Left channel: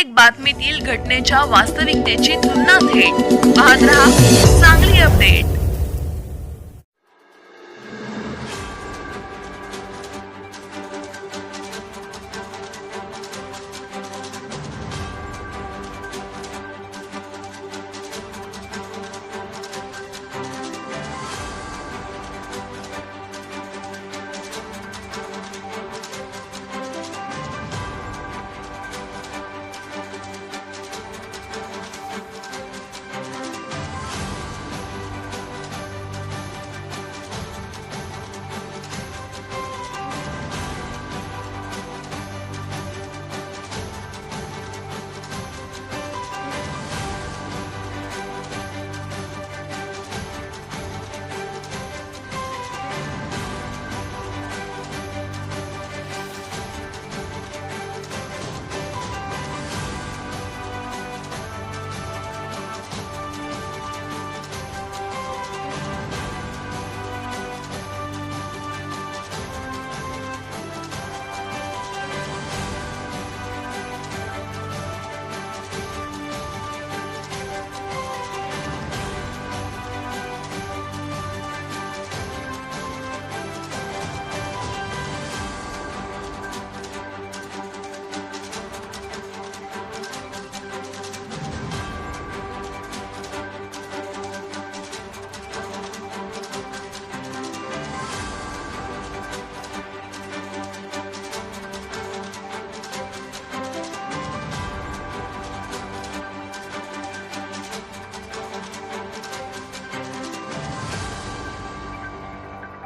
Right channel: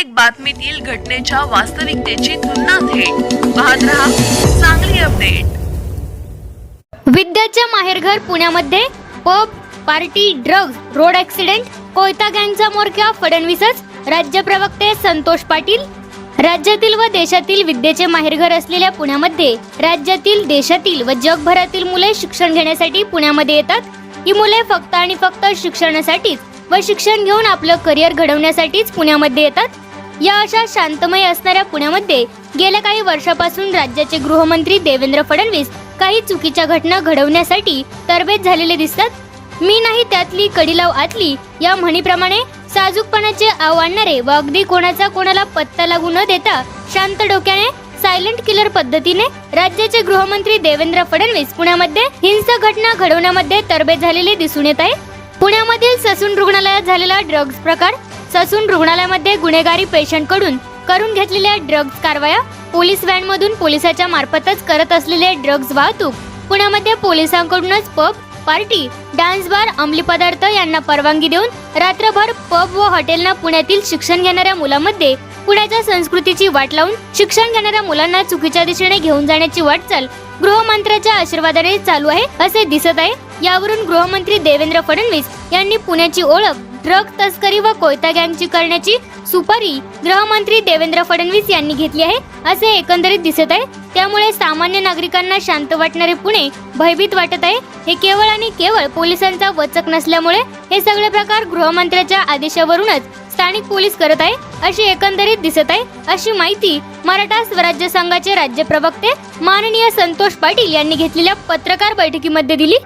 प्रत्येक बातमीतील घटनेच्या वास्तविकतेची तुलना थेट पाहत रहा चांगली अपडेट। विद्याचे माहेरघर पुण्यामध्ये pub, party, drugs, road accident, कोयता गँगचा म्होरक्या फडणवीसच। राज्य प्रवक्ते संतोष पाटील। राज्यातील व देशातील विद्येचे माहेरघर असलेल्या पुण्यामध्ये राज्यातील, देशातील व जगभरातील मुले शिक्षण घेण्यासाठी पुण्यामध्ये येतात। ही मुले फक्त आणि फक्त शिक्षणासाठीच व शिक्षण घेऊन आपलं करिअर घडवण्यासाठीच पुण्यामध्ये येतात। या अशा शांतमय असणाऱ्या पुण्यामध्ये गेल्या काही वर्षापासून राज्याचे गृहमंत्री देवेंद्र फडणवीस काही चुकीच्या घटना घडवण्यासाठी तरबेज झालेले दिसतात। मी नाही त्यातली कडी लाव आतली या म्हणीप्रमाणे साजूकपणाचे आव आणणारे व अगदी कोणाचा कोणाला पत्ता लागू न देता शांत डोक्याने सायलेंट किलर पद्धतीने राज्याचे गृहमंत्री देवेंद्र फडणवीस पुण्यामध्ये हिंसक घटना घडवण्यामध्ये तरबेज झालेले दिसून येत आहे। पुण्यामधील ससून रुग्णालयात झालेला ड्रग्ज प्रकार, ससून रुग्णालयामध्ये गुन्हेगारी पेशंटकडून करून घेतलेल्या ड्रग्ज कारवाया, पोलीस व्हॅनमधून पोलिसाच्या मार्फतच करत असलेले ड्रग्ज वाहतूक, पुण्यामध्ये पोलिसांकडूनच पब, पार्टी, डान्स बार, अंमली पदार्थ यांना परवानगी देऊन रात्रभर पब व हॉटेलना पुण्यातील शिक्षण घेणाऱ्या मुलांमध्ये पुण्याच्या संस्कृतीची वाट लावून शिक्षण घेणाऱ्या मुलांना चुकीच्या दिशेने घेऊन जाण्याची वाटचाल गृहमंत्र्याच्या आशीर्वादाने चालू आहे असे दिसत आहे। यावरून गृहमंत्री देवेंद्र फडणवीस यांनी पुण्याची ओळख ड्रग तस्करी व कोयता गँगची करण्याची सुपारी गृहमंत्री देवेंद्र फडणवीस यांनी घेतली आहे असे एकंदरीत दिसत आहे। त्यामुळे सामान्य नागरिकांना शांत वाटणारे पुणे भयभीत वाटत आहे। हे केवळ आणि केवळ पोलिसांचा वचक नसल्यामुळे हे सगळे प्रकार गृहमंत्र्याच्या आदेशावरूनच स्थानिक पोलीस करत आहे अशी एकंदरीत दिसत आहे। अशी माहिती मराठा स्वराज्य संघाचे राज्य प्रवक्ते माननीय संतोष पाटील यांनी घेतलेल्या पत्रकार बैठकीमध्ये दिली।